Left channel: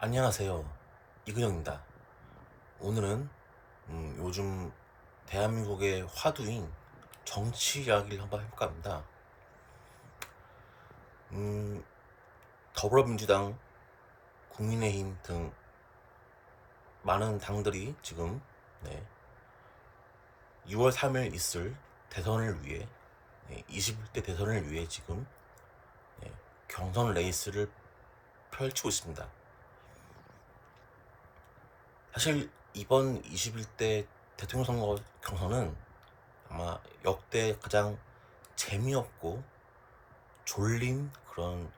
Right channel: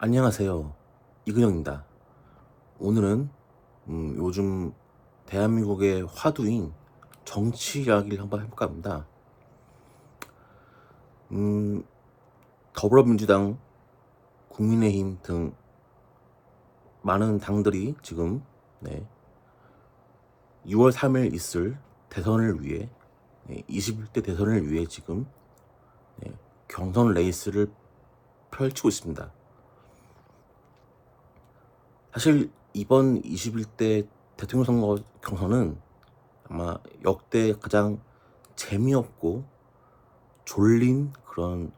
안녕하세요. 이근영입니다. 오늘은 요즘 대한민국의 화두인 정치 이야기를 한번 해볼까 합니다. 음, 더불어민주당, 국민의힘 등 많은 당들이 지금 6월 3일 있을 대선을 위해 21대 대선을 위해 지금 네, 경선 레이스를 펼치고 있습니다. 사실 이번 21대 대통령 선거 경선은 아마 역대 가장 재미없고 졸린 그런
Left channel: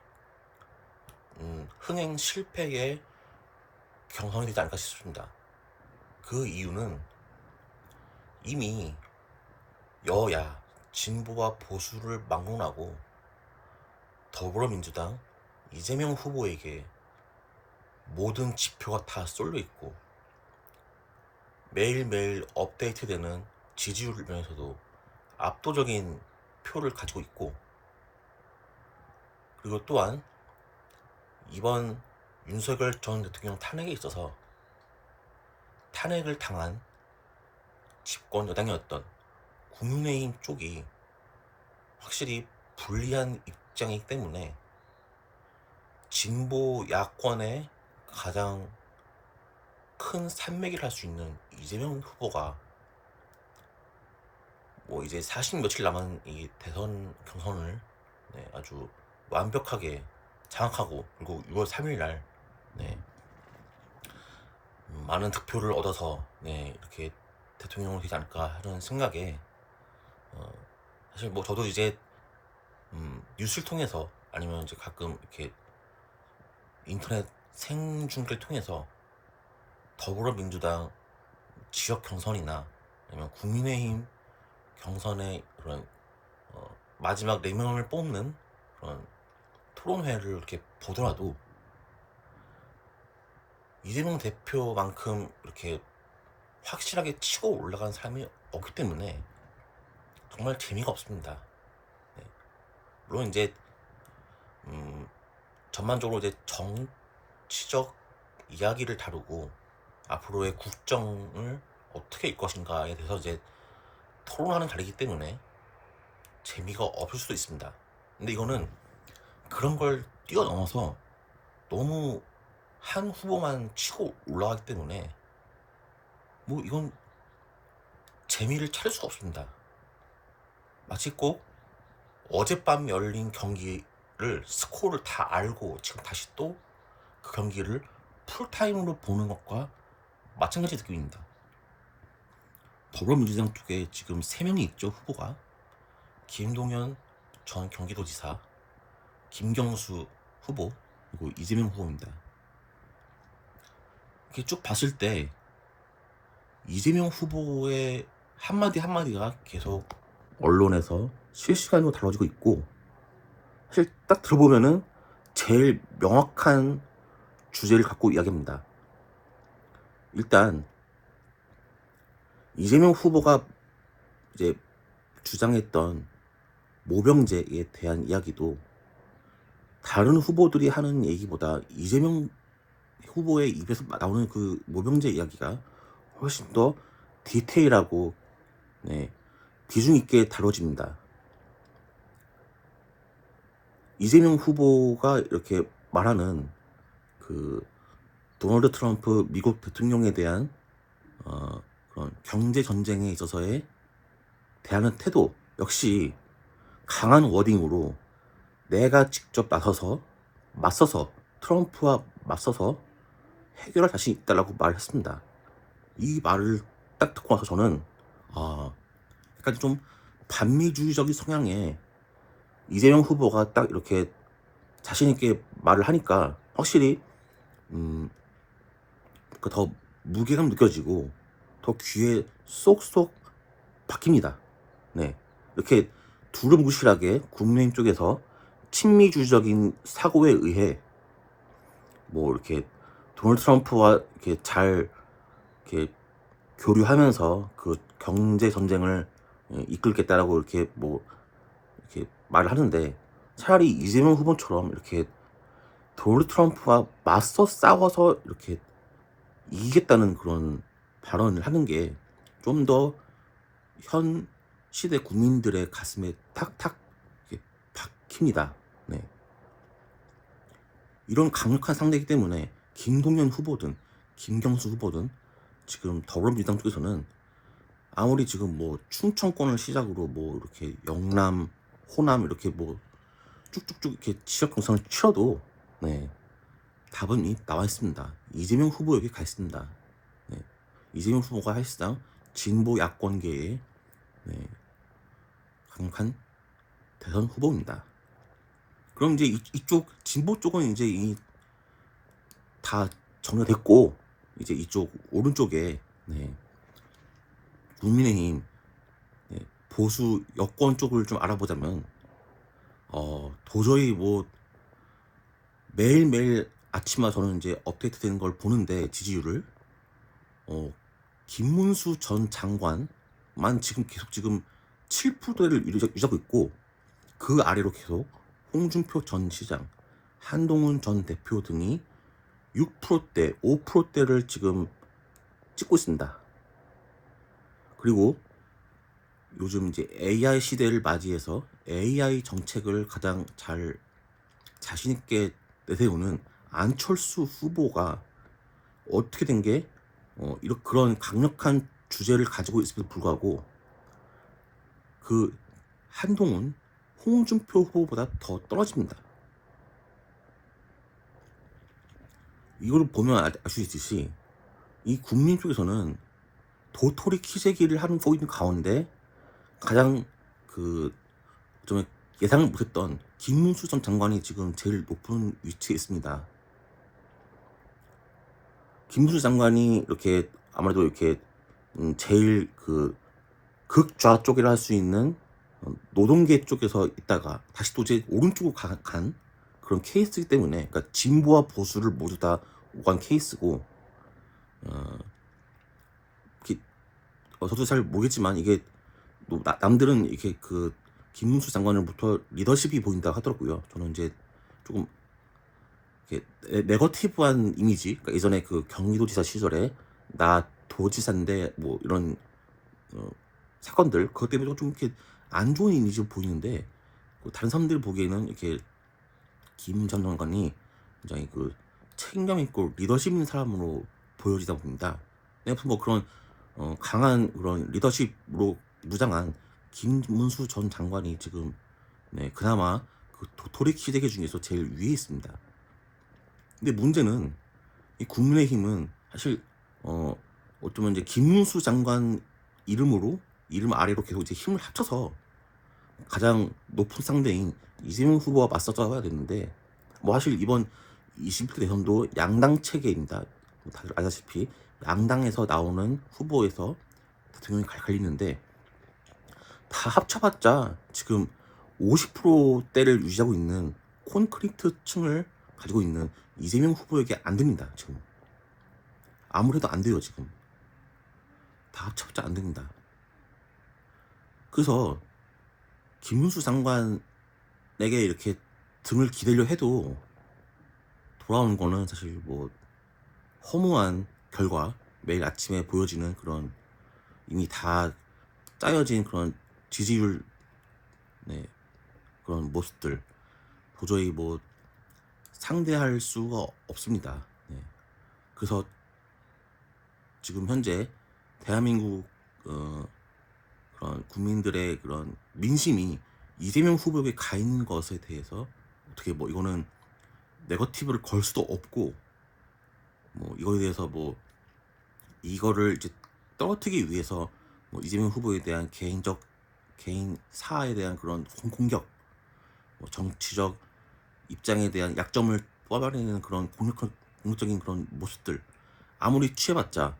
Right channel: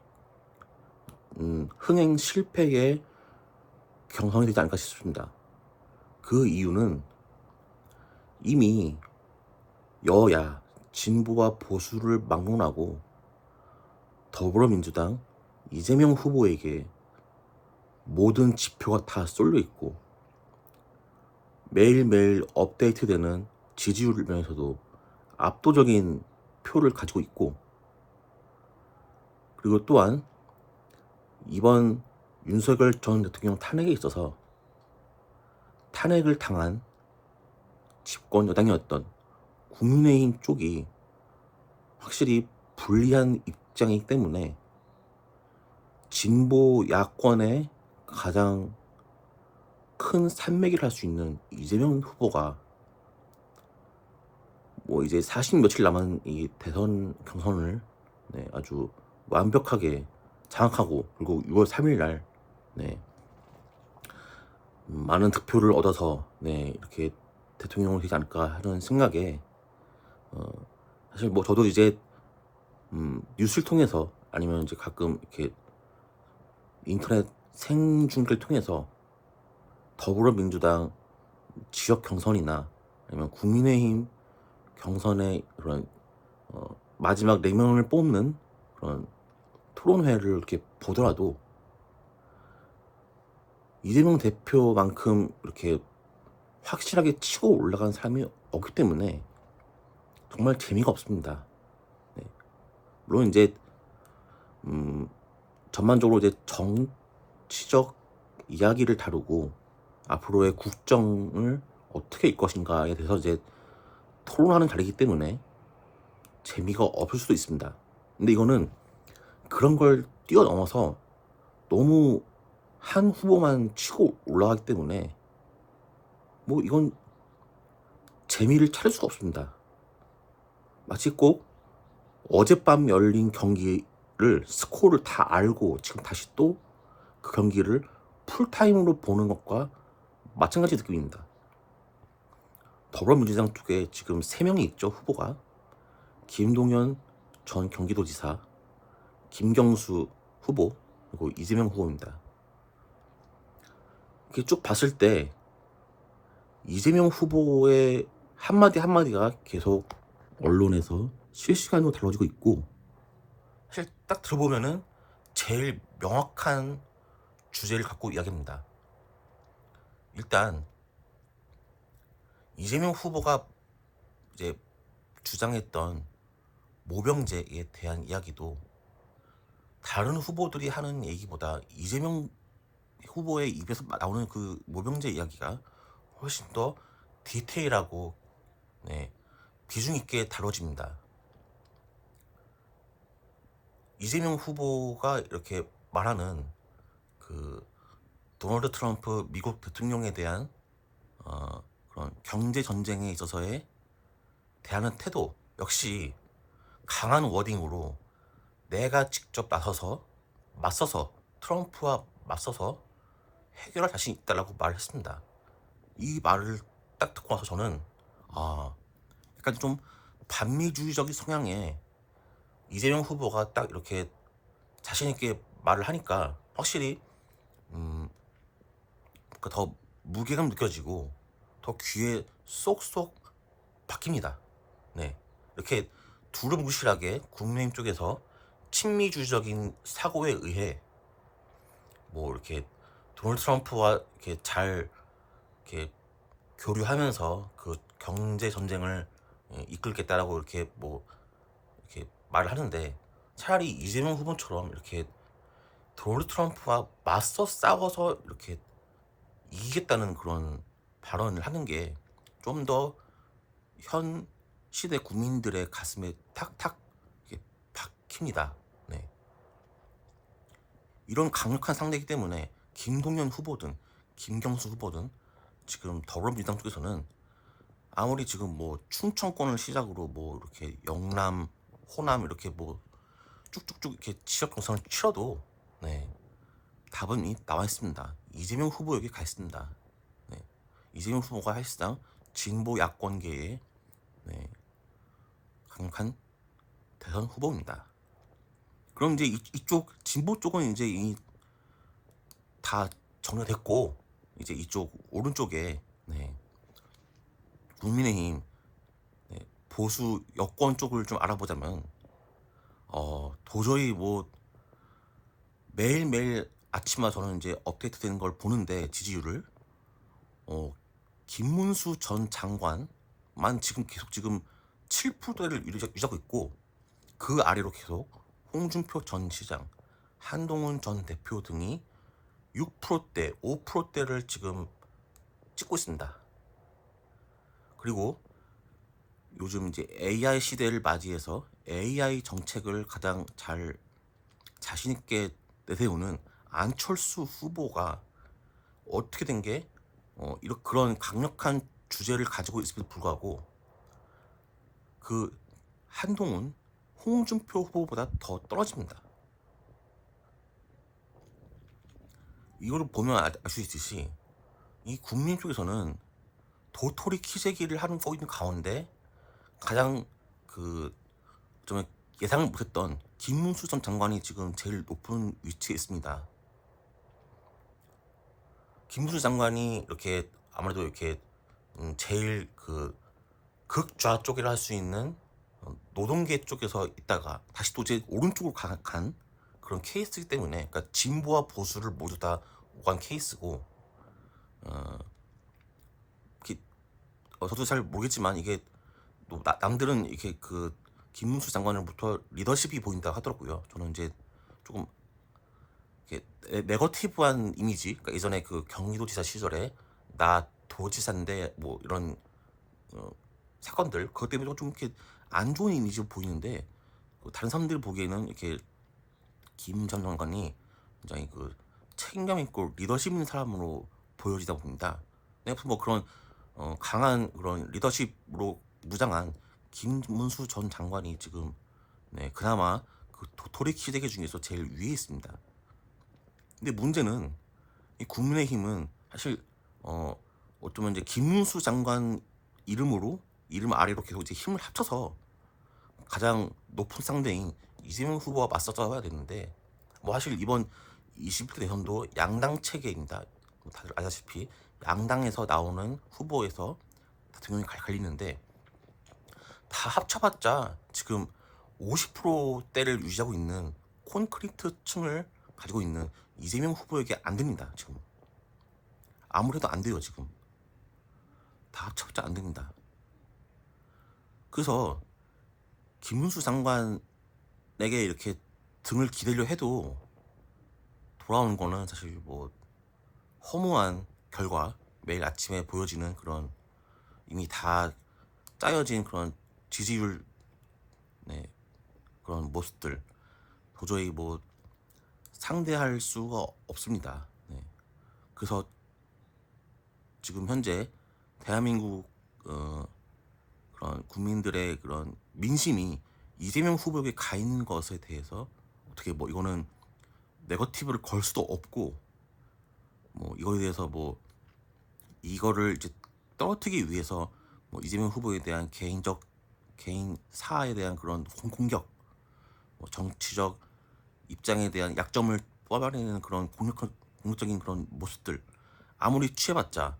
흥행 실패의 경선이 되지 않을까 싶습니다. 그 이유는 이미 여야 진보와 보수를 막론하고 더불어민주당 이재명 후보에게 모든 지표가 다 쏠려 있고 매일매일 업데이트되는 지지율 면에서도 압도적인 표를 가지고 있고, 그리고 또한 이번 윤석열 전 대통령 탄핵에 있어서 탄핵을 당한 집권 여당이었던 국민의힘 쪽이 확실히 불리한 입장이기 때문에 진보 야권의 가장 큰 산맥이라 할 수 있는 이재명 후보가 이제 40 며칠 남은 이 대선 경선을 아주 완벽하게 장악하고, 그리고 6월 3일 날 많은 득표를 얻어서 이렇게 대통령이 되지 않을까 하는 생각에, 사실 저도 이제 뉴스를 통해서 아니면 이제 가끔 이렇게 인터넷 생중계를 통해서 더불어민주당 지역 경선이나 아니면 국민의힘 경선의 그런 마지막 4명을 뽑는 그런 토론회를 이렇게 보더라도 이재명 대표만큼 이렇게 확실하게 치고 올라간 사람이 없기 때문에 정말 재미가 없습니다. 물론 이제 전반적으로 이제 정치적 이야기를 다루고 앞으로의 국정을 어떻게 일 것인가에 대해서 이제 토론하는 자리이기 때문에 재미가 없을 수도 있습니다. 근데 이거는 그런 걸 뛰어넘어서 너무 한 후보만 치고 올라가기 때문에 이건 재미를 찾을 수가 없습니다. 마치 꼭 어젯밤 열린 경기를 스코어를 다 알고 지금 다시 또 그 경기를 풀타임으로 보는 것과 마찬가지 느낌입니다. 더불어민주당 쪽에 지금 3명이 있죠, 후보가. 김동연 전 경기도지사, 김경수 후보, 그리고 이재명 후보입니다. 이렇게 쭉 봤을 때 이재명 후보의 한마디 한마디가 계속 언론에서 실시간으로 다뤄지고 있고, 사실 딱 들어보면은 제일 명확한 주제를 갖고 이야기합니다. 일단 이재명 후보가 이제 주장했던 모병제에 대한 이야기도 다른 후보들이 하는 얘기보다 이재명 후보의 입에서 나오는 그 모병제 이야기가 훨씬 더 디테일하고 비중 있게 다뤄집니다. 이재명 후보가 이렇게 말하는 그 도널드 트럼프 미국 대통령에 대한 그런 경제 전쟁에 있어서의 대하는 태도 역시 강한 워딩으로 내가 직접 나서서 맞서서 트럼프와 맞서서 해결할 자신이 있다라고 말했습니다. 이 말을 딱 듣고 나서 저는 약간 좀 반미주의적인 성향의 이재명 후보가 딱 이렇게 자신 있게 말을 하니까 확실히 더 무게감 느껴지고 더 귀에 쏙쏙 박힙니다. 이렇게 두루뭉실하게 국민의힘 쪽에서 친미주의적인 사고에 의해 이렇게 도널드 트럼프와 이렇게 잘 이렇게 교류하면서 그 경제 전쟁을 이끌겠다라고 이렇게 말을 하는데, 차라리 이재명 후보처럼 이렇게 도널드 트럼프와 맞서 싸워서 이렇게 이기겠다는 그런 발언을 하는 게 좀 더 현 시대 국민들의 가슴에 탁탁 이렇게 박힙니다. 네. 이런 강력한 상대이기 때문에 김동연 후보든 김경수 후보든 지금 더불어민주당 쪽에서는 아무리 지금 뭐 충청권을 시작으로 뭐 이렇게 영남, 호남 이렇게 뭐 쭉쭉쭉 이렇게 지역 경선을 치러도 네, 답은 이미 나와 있습니다. 이재명 후보에게 가 있습니다. 네, 이재명 후보가 사실상 진보 야권계의 네, 강력한 대선 후보입니다. 그럼 이제 이쪽 진보 쪽은 이제 이미 다 정리됐고 이제 이쪽 오른쪽에 네, 국민의힘 네, 보수 여권 쪽을 좀 알아보자면 도저히 뭐 매일매일 아침마다 저는 이제 업데이트 되는 걸 보는데 지지율을 김문수 전 장관만 지금 계속 지금 7%대를 유지하고 있고 그 아래로 계속 홍준표 전 시장, 한동훈 전 대표 등이 6%대, 5%대를 지금 찍고 있습니다. 그리고 요즘 이제 AI 시대를 맞이해서 AI 정책을 가장 잘 자신 있게 내세우는 안철수 후보가 어떻게 된 게 이런 그런 강력한 주제를 가지고 있음에도 불구하고 그 한동훈, 홍준표 후보보다 더 떨어집니다. 이걸 보면 알 수 있듯이 이 국민 쪽에서는 도토리 키재기를 하고 있는 가운데 가장 좀 예상을 못했던 김문수 전 장관이 지금 제일 높은 위치에 있습니다. 김문수 장관이 이렇게 아무래도 이렇게 제일 극좌 쪽이라 할 수 있는 노동계 쪽에서 있다가 다시 또 이제 오른쪽으로 간 그런 케이스이기 때문에 그러니까 진보와 보수를 모두 다 오간 케이스고 저도 잘 모르겠지만 이게 남들은 이렇게 김문수 장관으로부터 리더십이 보인다고 하더라고요. 저는 이제 조금 네거티브한 이미지, 그러니까 예전에 경기도지사 시절에 나 도지사인데 뭐 이런 사건들 그것 때문에 좀 이렇게 안 좋은 이미지로 보이는데 다른 사람들 보기에는 이렇게 김 전 장관이 굉장히 책임감 있고 리더십 있는 사람으로 보여지다 봅니다. 뭐 그런 강한 그런 리더십으로 무장한 김문수 전 장관이 지금 그나마 도토리 키재기 중에서 제일 위에 있습니다. 근데 문제는 이 국민의힘은 사실 어쩌면 이제 김문수 장관 이름 아래로 계속 이제 힘을 합쳐서 가장 높은 상대인 이재명 후보와 맞서 싸워야 되는데 뭐 사실 이번 21대 대선도 양당 체계입니다. 다들 아시다시피 양당에서 나오는 후보에서 대통령이 갈리는데 다 합쳐봤자 지금 50%대를 유지하고 있는 콘크리트 층을 가지고 있는 이재명 후보에게 안 됩니다. 지금 아무래도 안 돼요. 지금 다 합쳐봤자 안 됩니다. 그래서 김문수 장관에게 이렇게 등을 기대려 해도 돌아오는 거는 사실 뭐 허무한 결과, 매일 아침에 보여지는 그런 이미 다 짜여진 그런 지지율 그런 모습들 도저히 뭐 상대할 수가 없습니다. 그래서 지금 현재 대한민국 그런 국민들의 그런 민심이 이재명 후보에게 가 있는 것에 대해서 어떻게 뭐 이거는 네거티브를 걸 수도 없고 뭐 이거에 대해서 뭐 이거를 이제 떨어뜨리기 위해서 뭐 이재명 후보에 대한 개인 사에 대한 그런 공격, 뭐 정치적 입장에 대한 약점을 뽑아내는 그런 공격적인 그런 모습들 아무리 취해봤자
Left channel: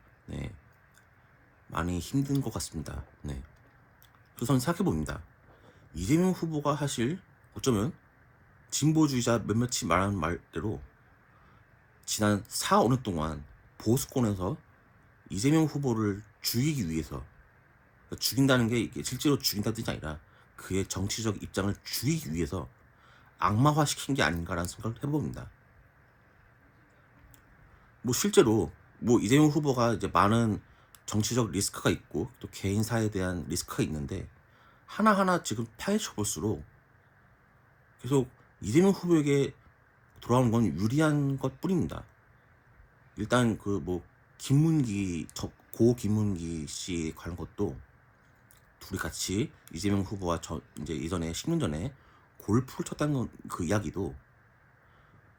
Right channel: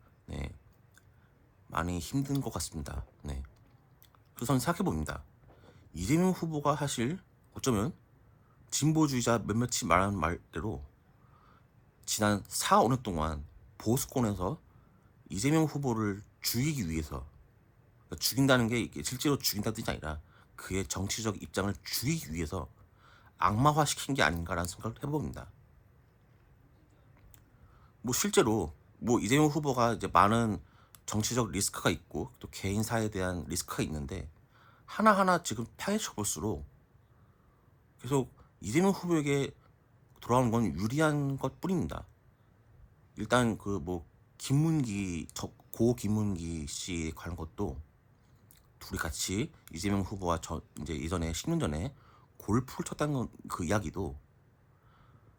많이 힘든 것 같습니다. 그래서 저는 생각해봅니다. 이재명 후보가 사실 어쩌면 진보주의자 몇몇이 말하는 말대로 지난 4~5년 동안 보수권에서 이재명 후보를 죽이기 위해서 그러니까 죽인다는 게 이게 실제로 죽인다는 뜻이 아니라 그의 정치적 입장을 죽이기 위해서 악마화시킨 게 아닌가라는 생각을 해봅니다. 뭐 실제로 뭐 이재명 후보가 이제 많은 정치적 리스크가 있고 또 개인사에 대한 리스크가 있는데 하나하나 지금 파헤쳐 볼수록 계속 이재명 후보에게 돌아오는 건 유리한 것뿐입니다. 일단 그 뭐 김문기 고 김문기 씨 관한 것도 둘이 같이 이재명 후보와 이제 이전에 10년 전에 골프를 쳤다는 그 이야기도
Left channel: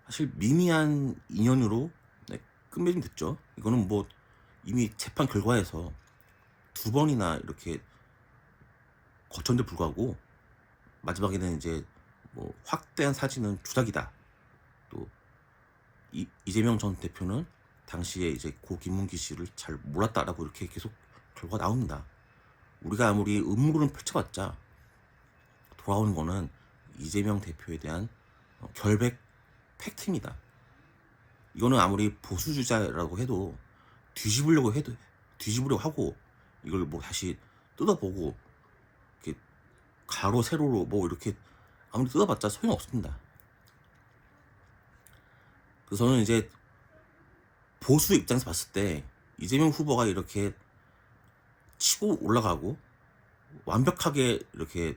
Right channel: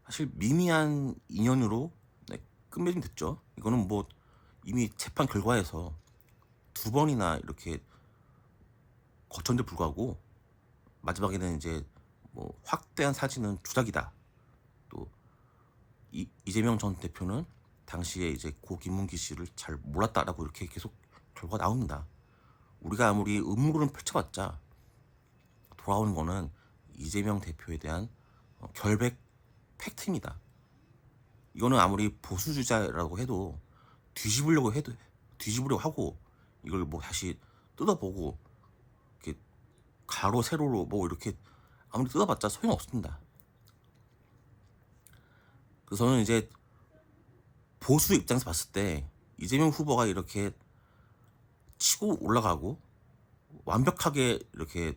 사실 미미한 인연으로 네, 끝맺음 됐죠. 이거는 뭐 이미 재판 결과에서 두 번이나 이렇게 거쳤는데 불구하고 마지막에는 이제 뭐 확대한 사진은 조작이다. 또 이재명 전 대표는 당시에 이제 고 김문기 씨를 잘 몰랐다라고 이렇게 계속 결과가 나옵니다. 우리가 아무리 음모론을 펼쳐봤자 돌아오는 거는 이재명 대표에 대한 결백 팩트입니다. 이거는 아무리 보수주자라고 해도 뒤집으려고 하고 이걸 뭐 다시 뜯어보고 이렇게 가로 세로로 뭐 이렇게 아무리 뜯어봤자 소용없습니다. 그래서 저는 이제 보수 입장에서 봤을 때 이재명 후보가 이렇게 치고 올라가고 완벽하게 이렇게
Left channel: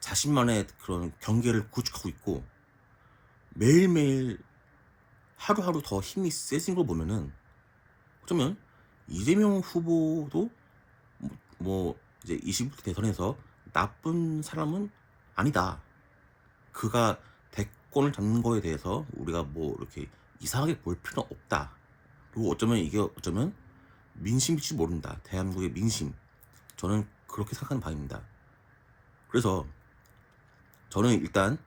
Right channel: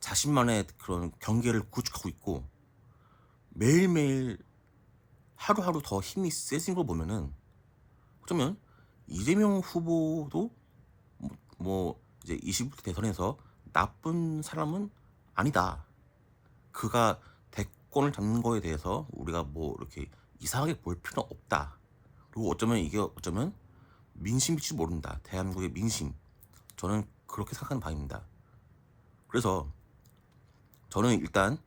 자신만의 그런 경계를 구축하고 있고 매일매일 하루하루 더 힘이 세진 걸 보면은 어쩌면 이재명 후보도 뭐 이제 20대 대선에서 나쁜 사람은 아니다. 그가 대권을 잡는 거에 대해서 우리가 뭐 이렇게 이상하게 볼 필요는 없다. 그리고 어쩌면 민심일지 모른다. 대한민국의 민심. 저는 그렇게 생각하는 바입니다. 그래서 저는 일단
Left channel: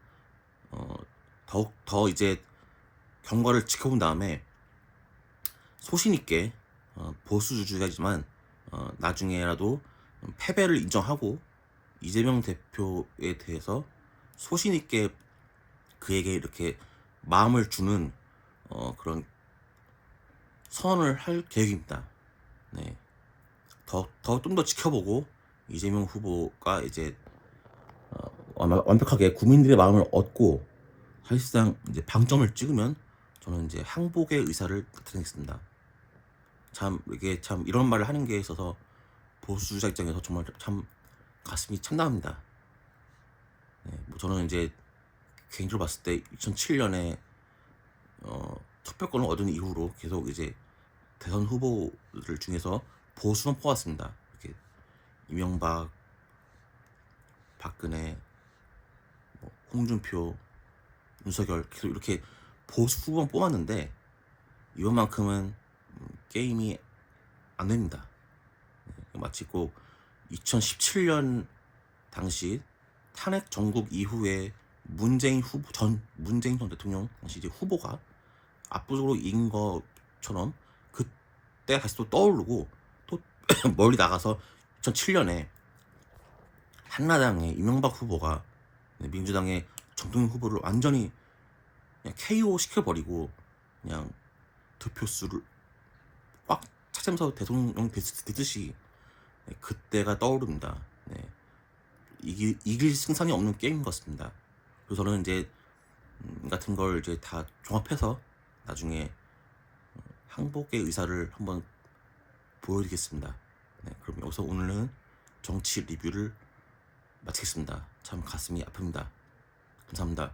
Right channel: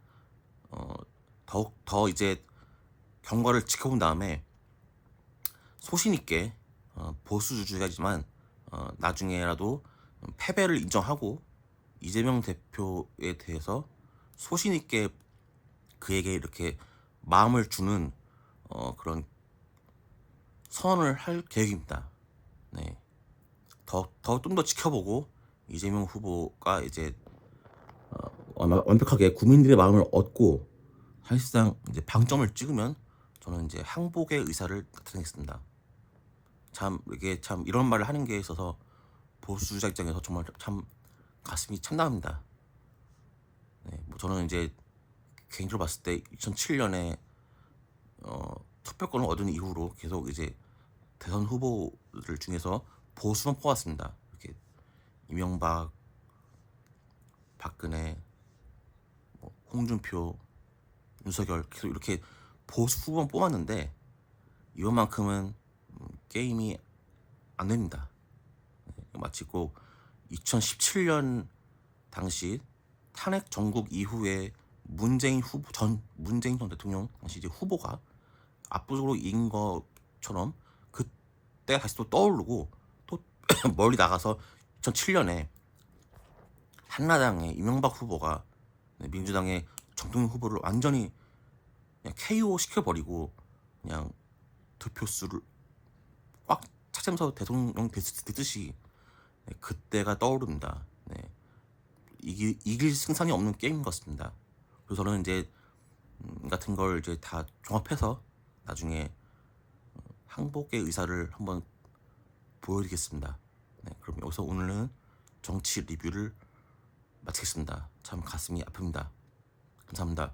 더욱 더 이제 경과를 지켜본 다음에 소신 있게 보수주의자지만 나중에라도 패배를 인정하고 이재명 대표에 대해서 소신 있게 그에게 이렇게 마음을 주는 그런 선언을 할 계획입니다. 네. 좀 더 지켜보고 이재명 후보가 이제 완벽하게 국민들의 마음을 얻고 사실상 이제 방점을 찍으면 저는 이제 항복의 의사를 나타내겠습니다. 참 이게 참 이런 말을 하는 게 있어서 보수주자 입장에서 정말 참 가슴이 참담합니다. 네, 뭐 저는 이제 개인적으로 봤을 때 2007년에 투표권을 얻은 이후로 계속 이제 대선 후보들 중에서 보수만 뽑았습니다. 이렇게 이명박, 박근혜, 뭐 홍준표, 윤석열 계속 이렇게 보수 후보만 뽑았는데 이번만큼은 게임이 안 됩니다. 마치 꼭 2017년 당시 탄핵 전국 이후에 문재인 전 대통령 당시 이제 후보가 압도적으로 이긴 것처럼 그때 다시 또 떠오르고 또 멀리 나가서 2007년에 한나당의 이명박 후보가 민주당의 정동영 후보를 완전히 그냥 KO 시켜버리고 그냥 득표수를 꽉 차지하면서 대통령 됐듯이 그때가 떠오릅니다. 네. 이길 승산이 없는 게임인 것 같습니다. 그래서 저는 이제 같은 걸 이제 다 종합해서 나중에 항복의 의사를 한번 보여드리겠습니다. 네, 그럼 여기서 오늘은 정치 리뷰를 마치겠습니다. 참 가슴이 아픕니다. 감사합니다.